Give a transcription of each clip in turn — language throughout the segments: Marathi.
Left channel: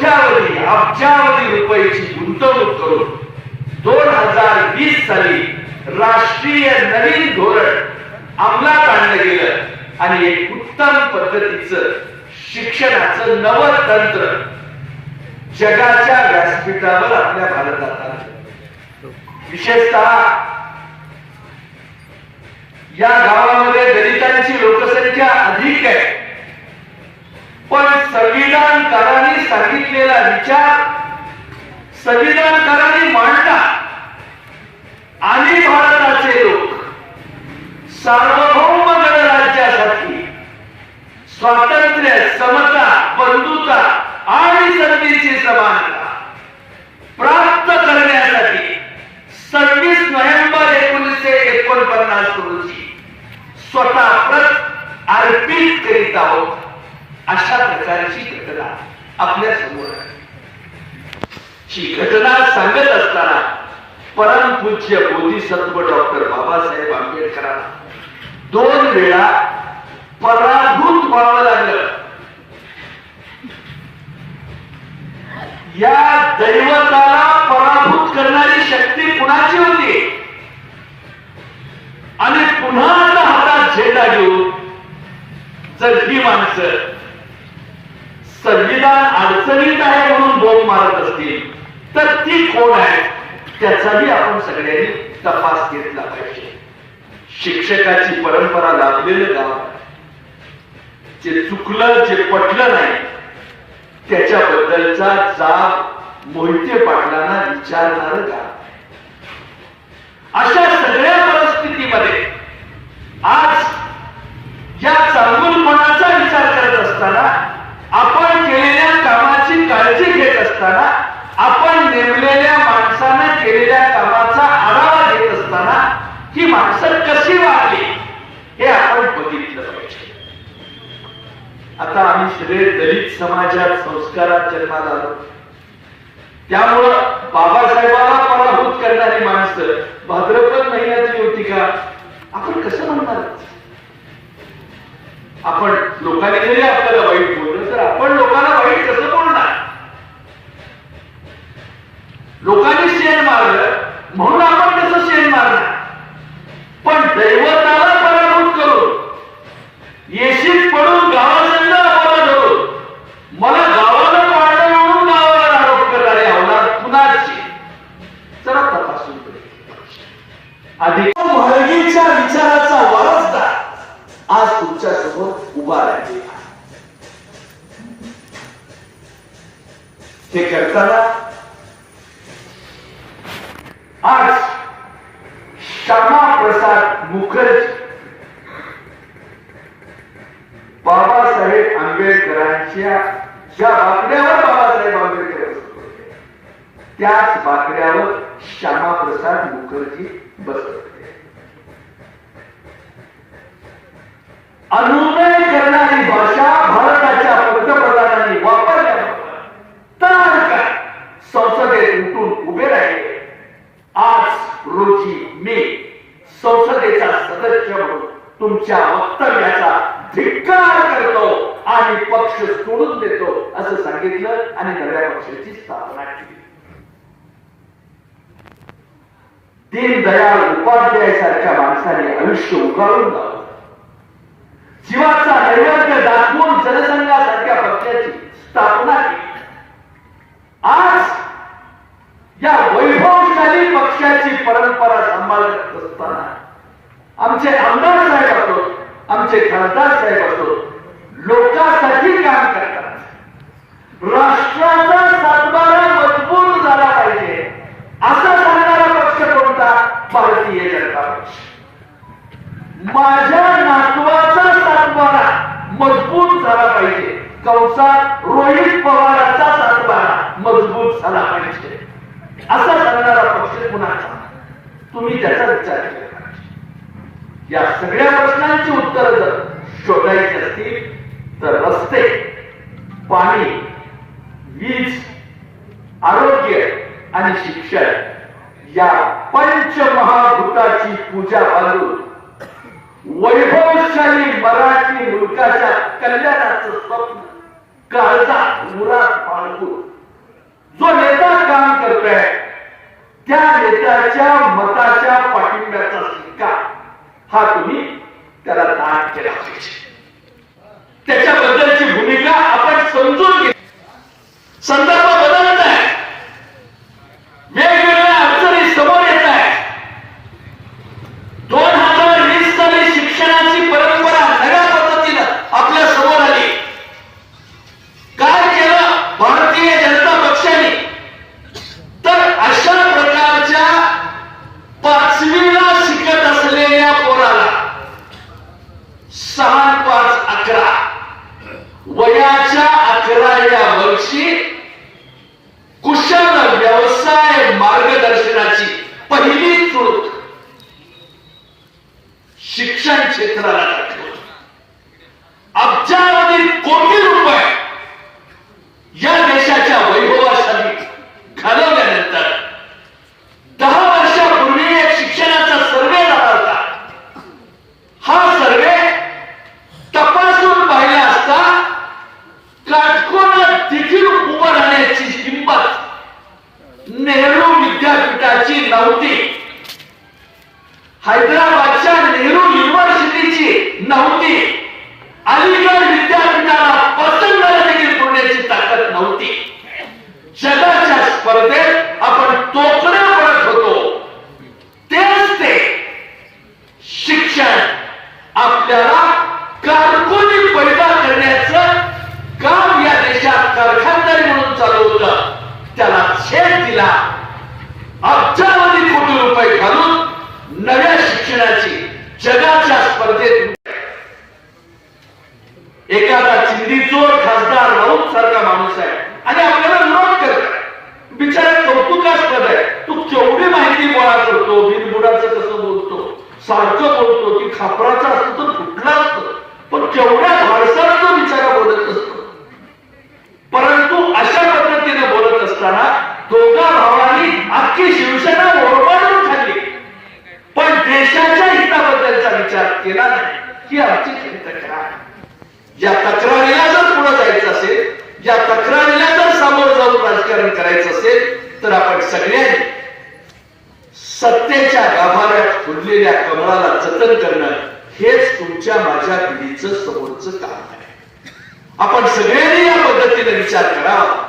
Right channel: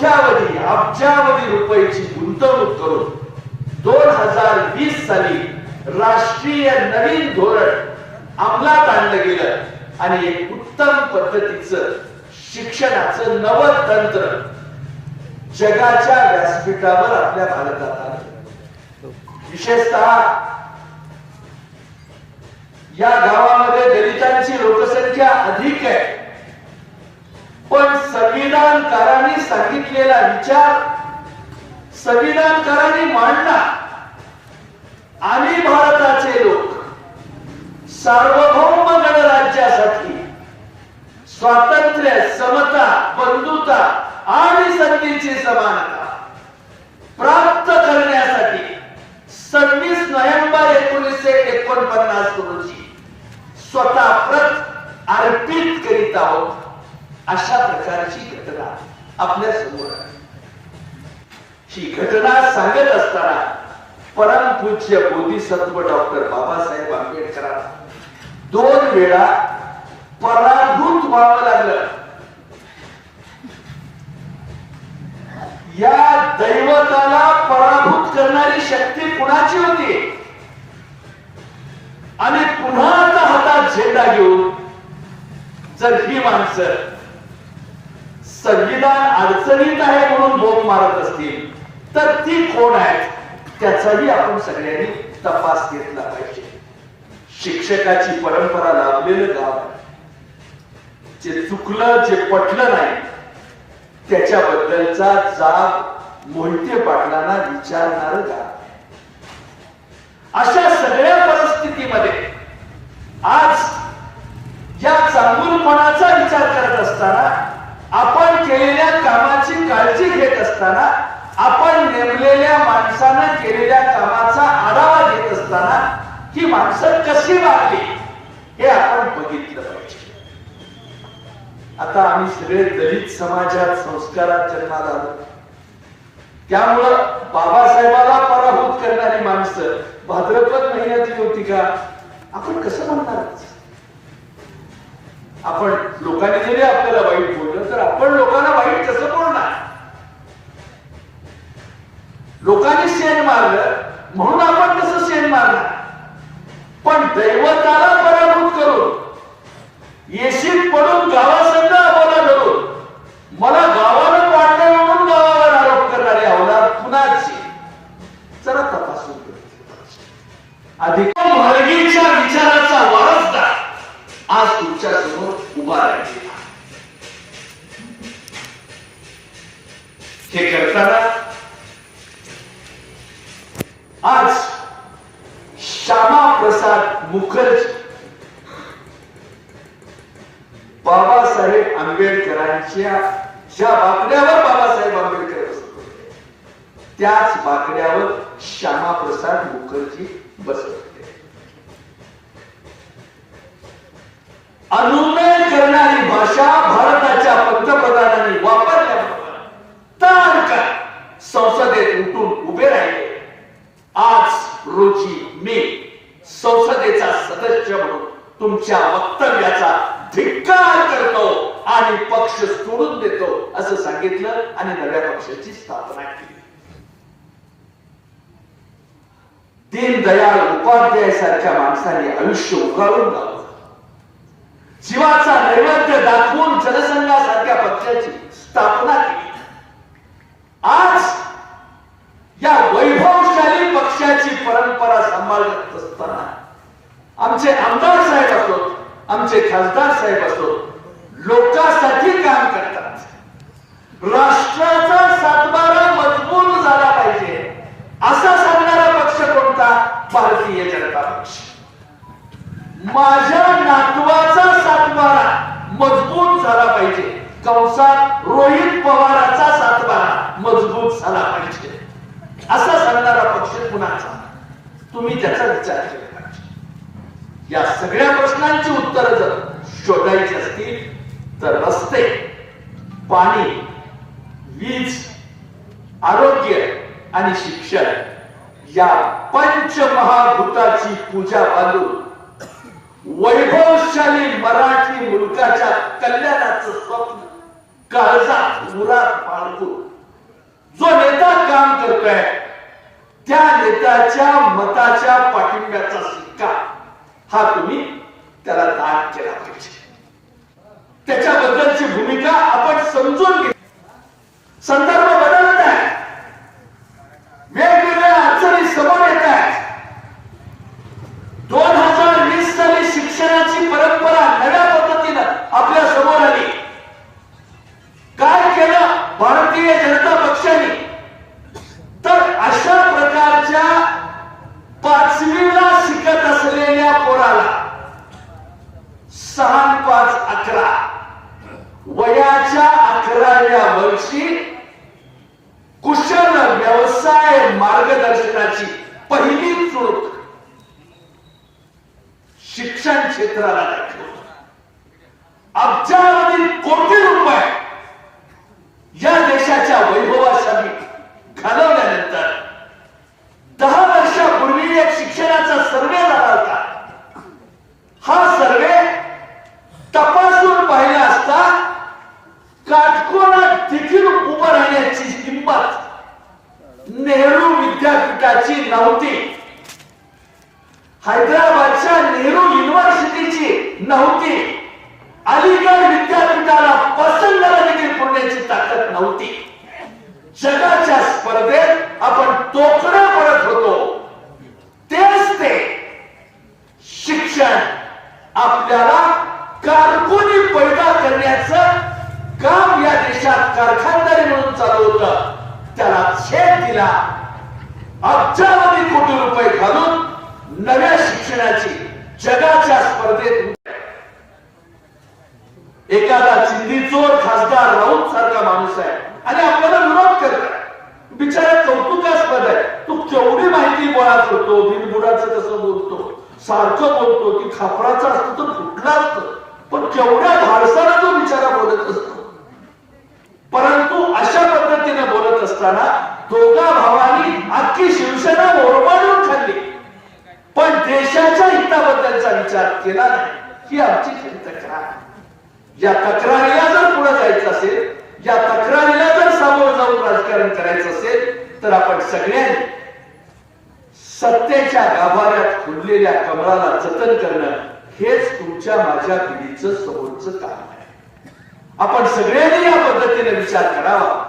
कोट्यावधी अब्जावधी रुपयाची गुंतवणूक करून दोन हजार वीस साली राष्ट्रीय नवीन धोरण अंमलात आणलं गेलं. आणि एक उत्तम पद्धतीचं शिक्षणाचं नवं तंत्र जगाच्या व्यासपीठावर आपल्या भारतात आलं. विशेषतः या गावामध्ये दलितांची लोकसंख्या अधिक आहे. पण संविधानकारांनी सांगितलेला विचार संविधानकारांनी मांडला. आणि भारताचे लोक सार्वभौम गणराज्यासाठी स्वातंत्र्य समता बंधुता आणि संधीची समानता प्राप्त करण्यासाठी सव्वीस नोव्हेंबर एकोणीसशे एकोणपन्नास रोजी स्वतः प्रत अर्पित करीत आहोत. अशा प्रकारची घटना आपल्यासमोर ही घटना सांगत असताना परमपूज्य बोधिसत्व डॉक्टर बाबासाहेब आंबेडकरांना दोन वेळा पराभूत व्हावं लागलं. या दैवताला पराभूत करणारी शक्ती कुणाची होती? आणि पुन्हा आता हातात झेंडा घेऊन जर ही माणसं संविधान अडचणीत आहे म्हणून बोंब मारत असतील तर ती कोण आहे? त्याचाही आपण सगळ्यांनी तपास घेतला पाहिजे. शिक्षकाची परंपरा लाभलेलं गाव जे चुकलं जे पटलं नाही त्याच्याबद्दलचा जाब मोहिते पाटलांना विचारणार गाव अशा सगळ्या परिस्थितीमध्ये आज या चांगुलपणाचा विचार करत असताना आपण केलेल्या कामाची काळजी घेत असताना आपण नेमलेल्या माणसानं केलेल्या कामाचा आढावा घेत असताना ही माणसं कशी वागली हे आपण बघितलं पाहिजे. आता आम्ही सगळे दलित समाजात संस्कारात जन्माला आलो. त्यामुळं बाबासाहेबाला पराभूत करणारी माणसं भाद्रपद महिन्यातली होती का? आपण कसं म्हणणार आपण लोकांनी जरी आपल्याला वाईट बोललं तर आपण लोकांना वाईट कसं बोलणार? लोकांनी शेण मारलं म्हणून आपण कसं शेण मारणार? पण दैवताला पराभूत करून येशीत पडून गावात बाबासाहेब आंबेडकरांच्या ज्या बाकड्यावर बाबासाहेब आंबेडकर बसत होते. त्याच बाकड्यावर श्यामाप्रसाद मुखर्जी बसत होते. अनुनय करणारी भाषा भारताच्या पंतप्रधानांनी वापरल्याबरोबर तर काय? संसदेत उठून उभे राहिले. आज रोजी मी संसदेचा सदस्य म्हणून तुमच्या वक्तव्याचा धिक्कार करतो आणि पक्ष सोडून देतो असं सांगितलं आणि नव्या पक्षाची स्थापना केली. दीनदयाळ उपाध्याय सारख्या माणसाने आयुष्य उगाळून लावलं. जीवाचा नैवेद्य दाखवून जनसंघासारख्या पक्षाची स्थापना केली. आज या वैभवशाली पक्षाची परंपरा सांभाळत असताना आमचे आमदार साहेब असतो आमचे खासदार साहेब असोत लोकांसाठी काम करतात. राष्ट्राचा सातबारा मजबूत झाला पाहिजे असा सांगणारा पक्ष कोणता? भारतीय जनता पक्ष. माझ्या नातवाचा सातबारा मजबूत झाला पाहिजे. कंसात रोहित पवाराचा सातबारा मजबूत झाला पाहिजे. असा सांगणारा पक्ष कुणाचा? तुम्ही त्याचा विचार केला. या सगळ्या प्रश्नांची उत्तर जर शोधायची असतील तर रस्ते पाणी वीज आरोग्य आणि शिक्षण या पंचमहाभूताची पूजा बांधून वैभवशाली मराठी मुलकाच्या कल्याणाचं स्वप्न काळजात मुरात बाळगून जो नेता काम करतोय त्या नेत्याच्या मताच्या पाठिंब्याचा हा तुम्ही त्याला दान केला पाहिजे. त्याच्याबद्दलची भूमिका आपण समजून घेतली संदर्भ बदल आहे वेगवेगळ्या अडचणी समोर येत आहेत दोन हजार वीस साली शिक्षणाची परंपरा नव्या पद्धतीनं आपल्यासमोर आली काय केलं भारतीय जनता पक्षाने तर अशा प्रकारच्या पाचवीला शिकत असलेल्या पोराला सहा पाच अकरा वयाच्या अकराव्या वर्षी कुशल व्यवसाय मार्गदर्शनाची पहिली चूक शिक्षण क्षेत्राला अब्जावधी कोटी रुपये या देशाच्या वैभवासाठी घालवल्यानंतर दहा वर्षापूर्वी एक शिक्षणाचा सर्वे झाला होता हा सर्वे तपासून पाहिला असता काटकोनात देखील उभं राहण्याची हिंमत नेहरू विद्यापीठाची नव्हती. हैदराबादच्या नेहरू युनिव्हर्सिटीची नव्हती. अलीगड विद्यापीठाला पसंत देखील पुण्याची ताकद नव्हती. जगाच्या स्पर्धेत आपण तोकडे पडत होतो. तेच ते शिक्षण आपल्याला कारकुनी पैदा करण्याचं काम या देशात कारखानदारी म्हणून चालू होत. त्याला छेद दिला. अब्जावधी कोटी रुपये घालून नव्या शिक्षणाची जगाच्या स्पर्धेत एखादा चिंदीचोर खासदार राऊत सारखा माणूस आहे. आणि आपल्याला विरोध करत बिचारा कौतुकास्पद आहे. तू केवढी माहिती गोळा करतो बिनबुडाचं कसं बोलतो. सारखं बोलतो की खापराचा असतो तर फुटला असतो? पण केवढ्या धाडसाला तो बिचारा बोलत असतो. परंतु अशा पद्धतीने बोलत असताना दोघा भावांनी अख्खी शिवसेना बरोबर देशाच्या हिताबद्दलचा विचार केला नाही ही आमची खरी तक्रार आहे. या तक्रारीला जर पुढे जायचं असेल या तक्रारीला जर सामोरं जाऊन राजकारण करायचं असेल तर आपण सगळ्यांनी सत्तेच्या गाभाऱ्यात फुललेल्या कमळाला जतन करणं हेच तुमच्या माझ्या पिढीचं समोरचं काम आहे आपण सगळ्यांनी या पद्धतीने विचार करावा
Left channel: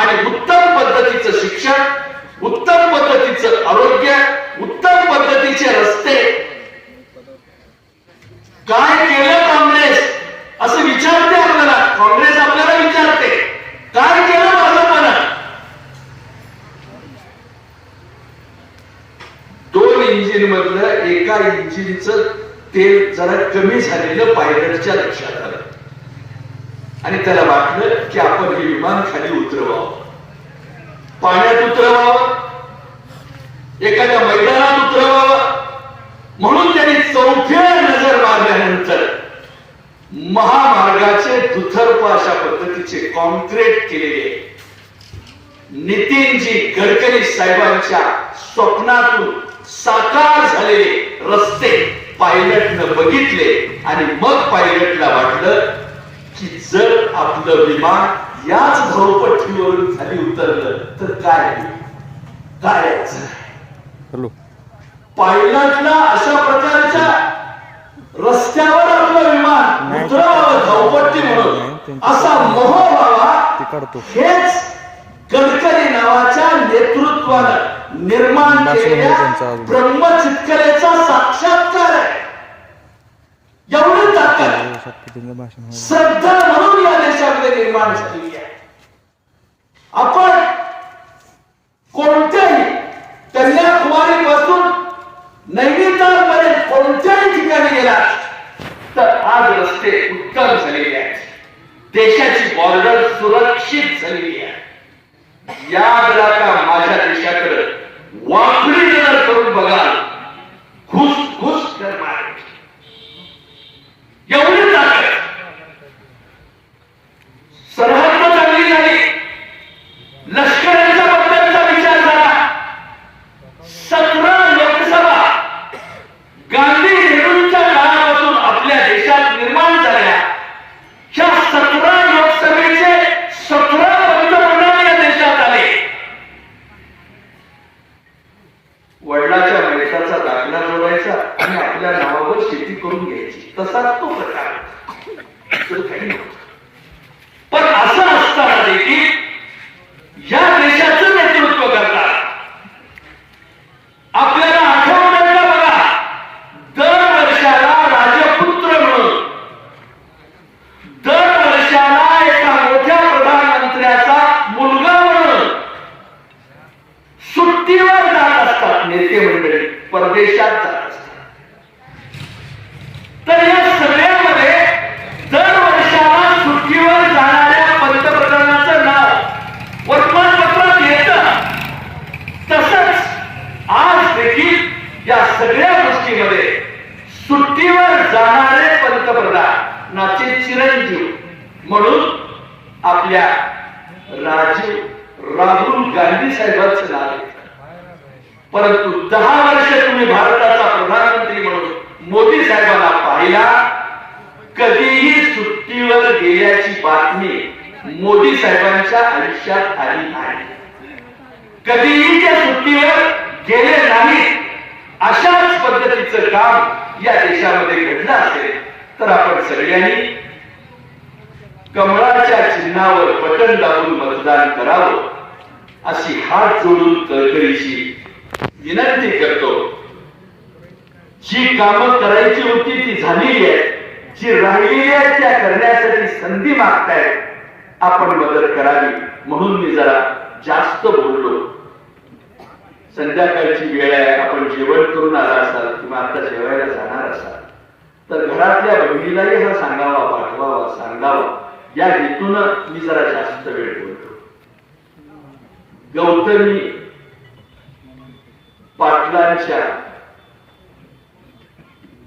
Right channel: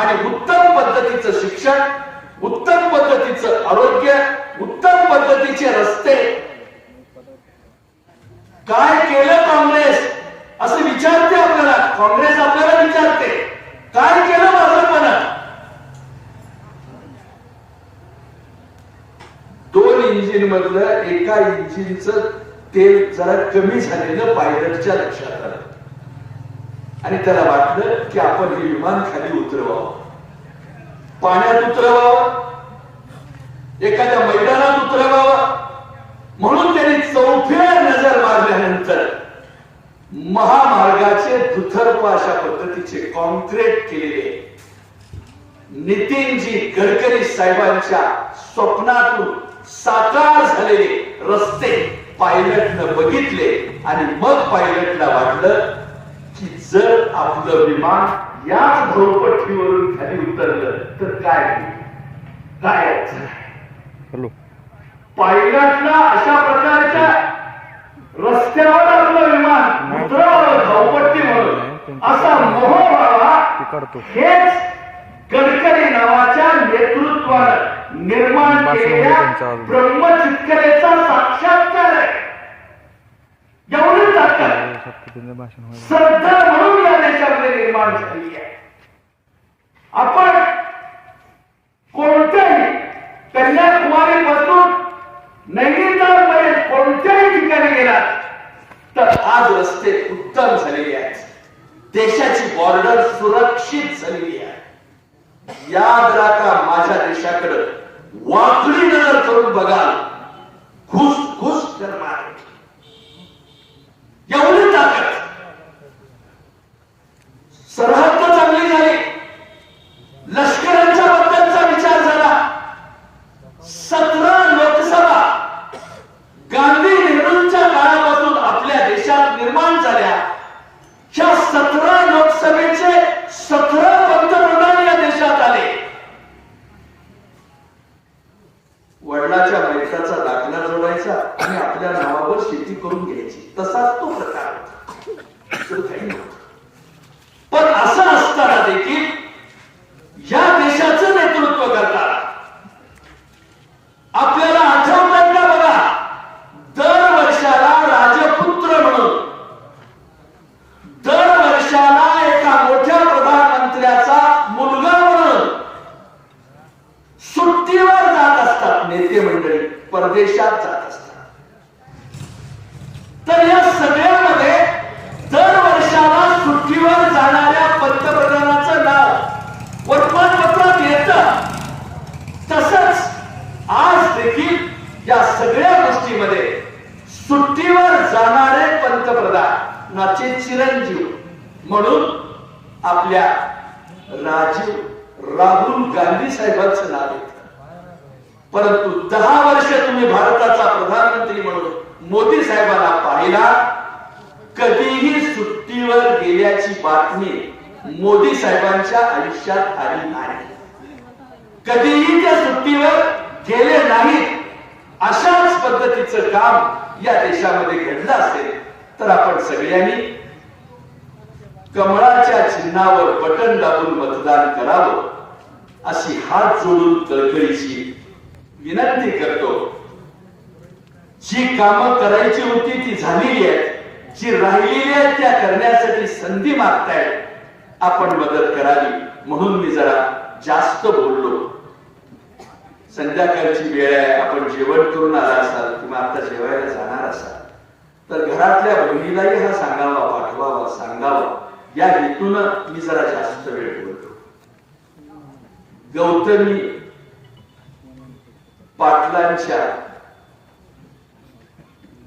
आणि उत्तम पद्धतीचं शिक्षण उत्तम पद्धतीचं आरोग्य उत्तम पद्धतीचे रस्ते. काय केलं काँग्रेस? असं विचारते आपल्याला. काँग्रेस आपल्याला विचारते. काय केलं भाजपनं दोन इंजिन मधलं एका इंजिनचं तेल जरा कमी झालेलं पायलटच्या लक्षात आलं. आणि त्याला वाटलं की आपण हे विमान खाली उतरवावं. पाण्यात उतरवावं. एखाद्या मैदानात उतरवावा. म्हणून त्यांनी चौथ्या नजर मारल्यानंतर महामार्गाचे दुथर्प अशा पद्धतीचे कॉन्क्रीट केलेले नितीनजी गडकरी साहेबांच्या स्वप्नातून साकार झालेले रस्ते पायलटनं बघितले आणि मग पायलटला वाटलं की जर आपलं विमान याच झोपट्टीवरून खाली उतरलं तर काय काय यायचं हॅलो. पायलटला अशा प्रकारच्या रस्त्यावर आपलं विमान उतरवावं धावपट्टी म्हणून. असा मोह ते व्हावा काढतो हेच गडकरी नावाच्या नेतृत्वानं निर्माण भाषण केलेल्या. ब्रह्मचितकलेचा साक्षात्कार आहे. एवढी ताकद श्रद्धा म्हणून या देशामध्ये निर्माण झालेली आहे. आपण कोणत्याही कन्याकुमारी पासून नैनिताल पर्यंत कोणत्याही ठिकाणी गेला तर आज रस्ते उत्तम झालेले आहेत. देशाची बॉर्डर सुरक्षित झालेली आहे. याद राखा माझ्या देशाकडे वाकडी नजर करून बघाल घुस घुस करणार एवढी ताकद. सरहद चांगली झाली लष्कराच्या बद्दलचा विचार झाला सतरा लोकसभा गांधी नेहरूंच्या काळापासून आपल्या देशात निर्माण झाल्या ह्या सतरा लोकसभेचे सतरा पंतप्रधान परदेशात जात असतात तर या सगळ्यामध्ये दर वर्षाला सुट्टीवर जाणाऱ्या पंतप्रधानाचं नाव वर्तमानपत्रात येतं तसंच आज देखील या सगळ्या गोष्टीमध्ये सुट्टीवर जाणारे पंतप्रधानाचे चिरंजीव म्हणून आपल्या राजीव राहुल गांधी साहेबांचं नाव येतं परंतु दहा वर्ष तुम्ही भारताचा प्रधानमंत्री म्हणून मोदी साहेबांना पाहिला कधीही सुट्टीवर गेल्याची बातमी मोदी साहेबांच्या आयुष्यात आली नाही. कधीही त्या सुट्टीवर गेले नाही अशाच पद्धतीचं काम या देशामध्ये घडलं असेल तर आपण सगळ्यांनी कमळाच्या चिन्हावर बटन दाबून मतदान करावं. अशी हात जोडून कळकळीची विनंती करतो. जी कामं करायची होती ती झालेली आहेत. जी राहिलेली आहेत त्या करण्यासाठी संधी मागतायत आपण मदत करावी. म्हणून मी जरा जास्त बोललो. संध्याकाळची वेळ आहे. आपण जेवण करून आला असाल किंवा आता जेवायला जाणार असाल तर घरातल्या बहिणीलाही हा सांगावा पाठवावा सांगावा. या हेतून मी जरा जास्त वेळ बोलतो गौतमी पाटलांच्या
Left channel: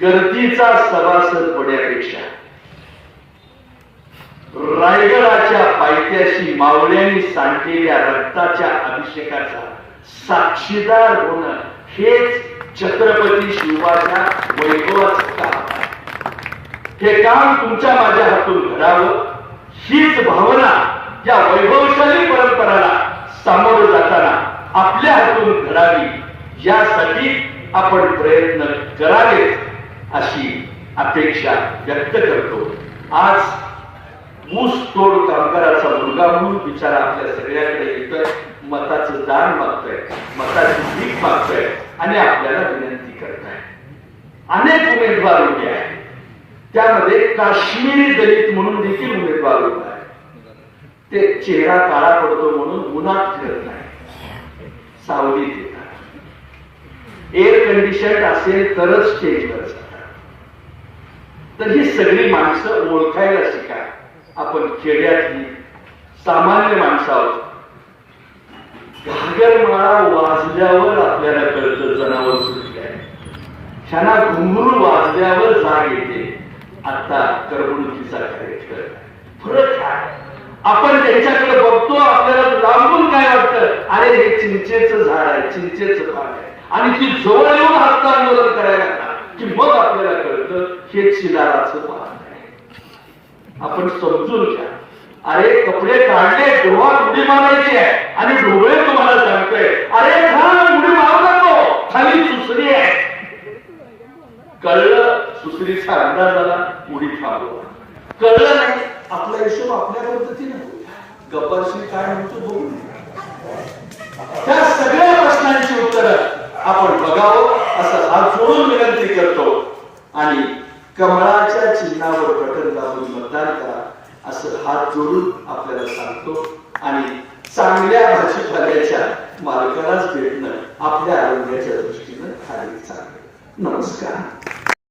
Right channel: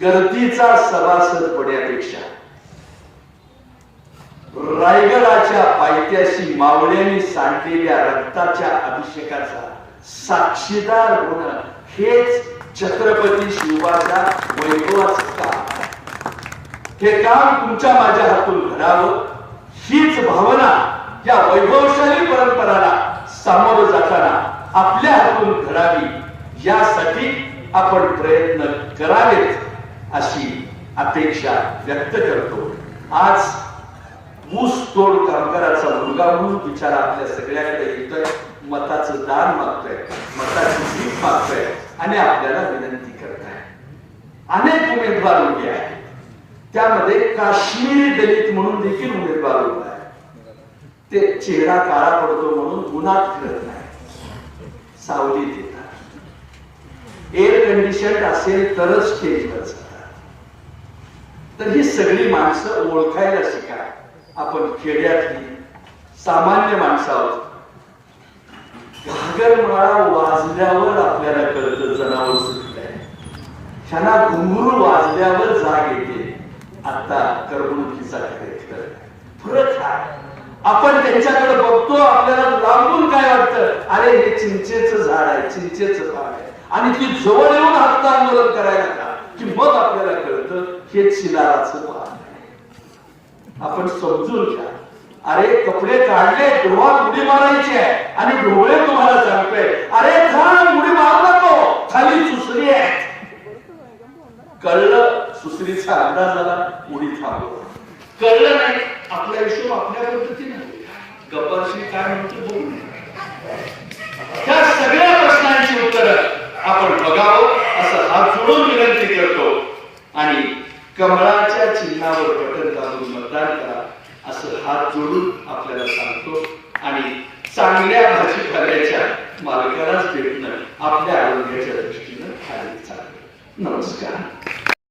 गर्दीचा सभासद पड्यापेक्षा रायगडाच्या पायथ्याशी मावळ्यांनी सांडलेल्या रक्ताच्या अभिषेकाचा साक्षीदार होणं हेच छत्रपती शिवाच्या वैभवाचं काम हे काम तुमच्या माझ्या हातून घडावं हीच भावना या वैभवशाली परंपराला सामोरे जाताना आपल्या हातून घडावी यासाठी आपण प्रयत्न करावेत अशी अपेक्षा व्यक्त करतो. आज ऊस तोड कामगाराचा मुलगा म्हणून बिचारा आपल्या सगळ्यांकडे येतोय मताचं दान मागतोय मताची भीक मागतोय आणि आपल्याला विनंती करताय. अनेक उमेदवार उभे आहेत. त्यामध्ये काश्मीरी दलित म्हणून देखील उमेदवार उभे ते चेहरा काळा पडतो म्हणून उन्हात फिरत नाही. सावलीत येतात एअर कंडिशन असेल तरच स्टेजवर जातात. तर ही सगळी माणसं ओळखायला शिका. आपण खेड्यातली सामान्य माणसं आहोत. घागरमाळा वाजल्यावर आपल्याला कळतं जनावर सुटले ह्यांना घुंगरू वाजल्यावर जाग येते. आता करमणुकीचा खेळ फरक आहे आपण त्यांच्याकडे बघतो आपल्याला लांबून काय वाटतं? अरे हे चिंचेचं झाड आहे चिंचेचं पान आहे. आणि ती जवळ येऊन हक्क आंदोलन करायला कि? की मग आपल्याला कळतं हे चिलाराचं पान आहे. आपण समजून घ्या. अरे कपडे काढले डोळ्यात उडी मारायची आहे. आणि डोळे तुम्हाला सांगतोय अरे थांब उडी मारू नको. खाली सुसरी आहे. कळलं सुसरीचा अंदाज झाला उडी थांबवा. कळलं नाही हिशोब आपल्या पद्धतीने. गप्पाशी काय म्हणतो बघू. त्या सगळ्या प्रश्नांची उत्तर आपण बघावं असं हात जोडून विनंती करतो. आणि कमळाच्या चिन्हावर बटन दाबून मतदान करा असं हात जोडून आपल्याला सांगतो. आणि चांगल्या भाजीपाल्याच्या मालकालाच भेटणं आपल्या आरोग्याच्या दृष्टीनं खाली चांगलं नमस्कार.